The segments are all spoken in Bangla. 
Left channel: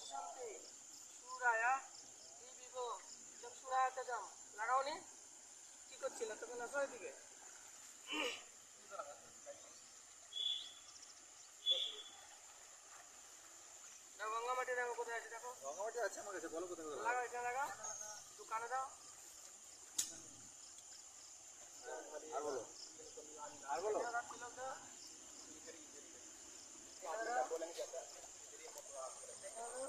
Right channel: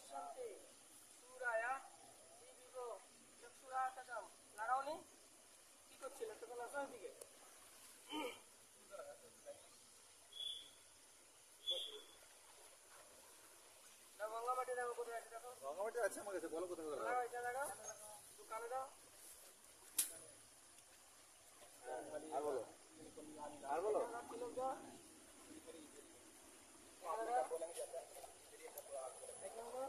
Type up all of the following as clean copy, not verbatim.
পশ্যন্তে সূরায়া দিবিব চক্ষুরাতজম। লাগাওনি কি করছিল তখন? আসো এদিকে। গঙ্গামাটি দেখো কোথায় আছে, দেখো গঙ্গামাটি আছে আমার কাছে, বলো কোথায় কোথায় লাগাও, এটা লাগাও, একটু কানে দাও। আর বলো, আর বলো। তিলক দাও, এখানে দাও, এখানে দাও,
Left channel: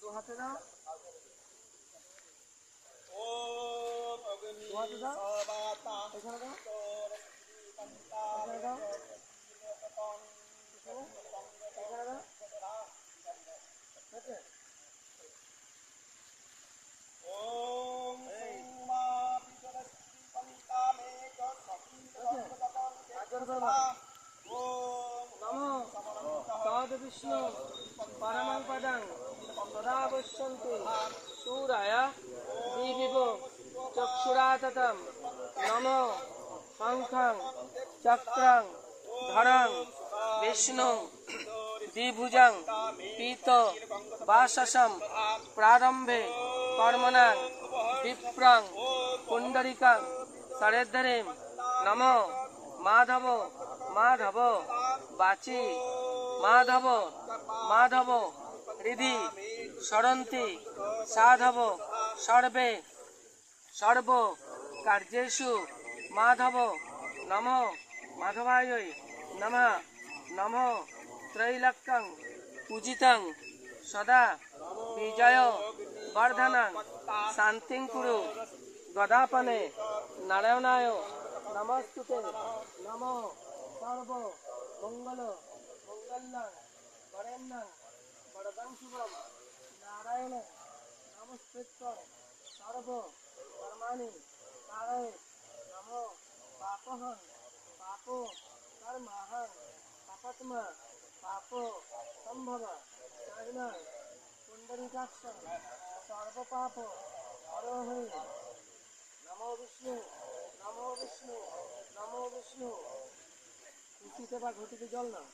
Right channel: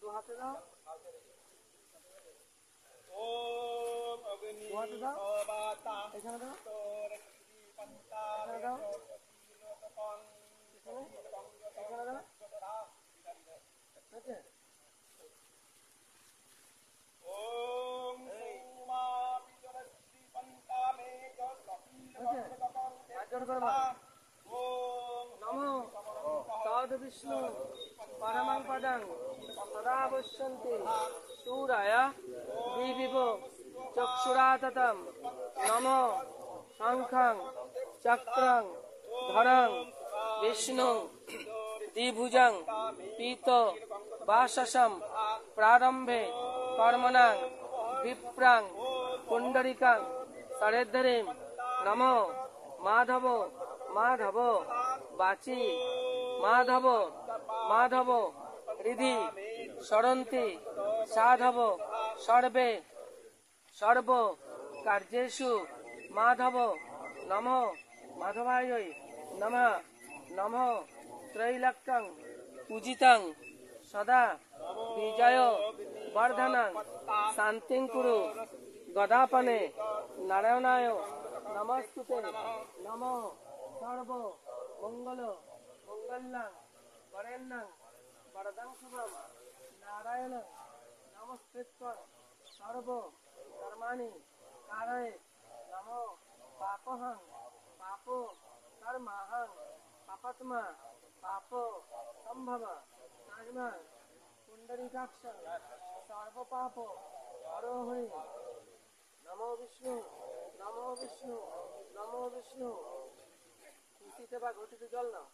দু হাতে দাও, দু হাতে দাও, এখানে দাও, এখানে দাও, এখানে দাও, আছে? নমো তদ্বিষ্ণু পরমং পদং সদা পশ্যন্তি সূরায়া দিবিব চক্ষুরাততম। নমো শঙ্খং চক্রং ধরং বিষ্ণু দ্বিভুজং পীত বাসসম প্রারম্ভে কর্মণাং বিপ্রং পুণ্ডরিকং সরেদ্ধরিম। নমো মাধব মাধব বাচি মাধব মাধব হৃদি সরন্তি সাধব সর্বে সর্ব কার্যেষু মাধব। নমো মাধবায় নমঃ। নমো ত্রৈলোক্যং পূজিতং সদা বিজয় বর্ধনং শান্তিং কুরু গদাপনে নারায়ণায় নমস্তুতে। নমো সর্ব মঙ্গল মঙ্গলং বরেণ্যং বরদং শুভম নারায়ণ নমস্কৃত্যং সর্ব কর্মাণি কারয়ে। নমো পাপহং পাপ কর্মাহং পাপাত্মা পাপ সম্ভব কার্মং পুণ্ডরীকাক্ষং সর্ব পাপ হরোহরি। নমো বিষ্ণু নমো বিষ্ণু নমো বিষ্ণু। খুশিতে বা ঘটিতে জল নাও।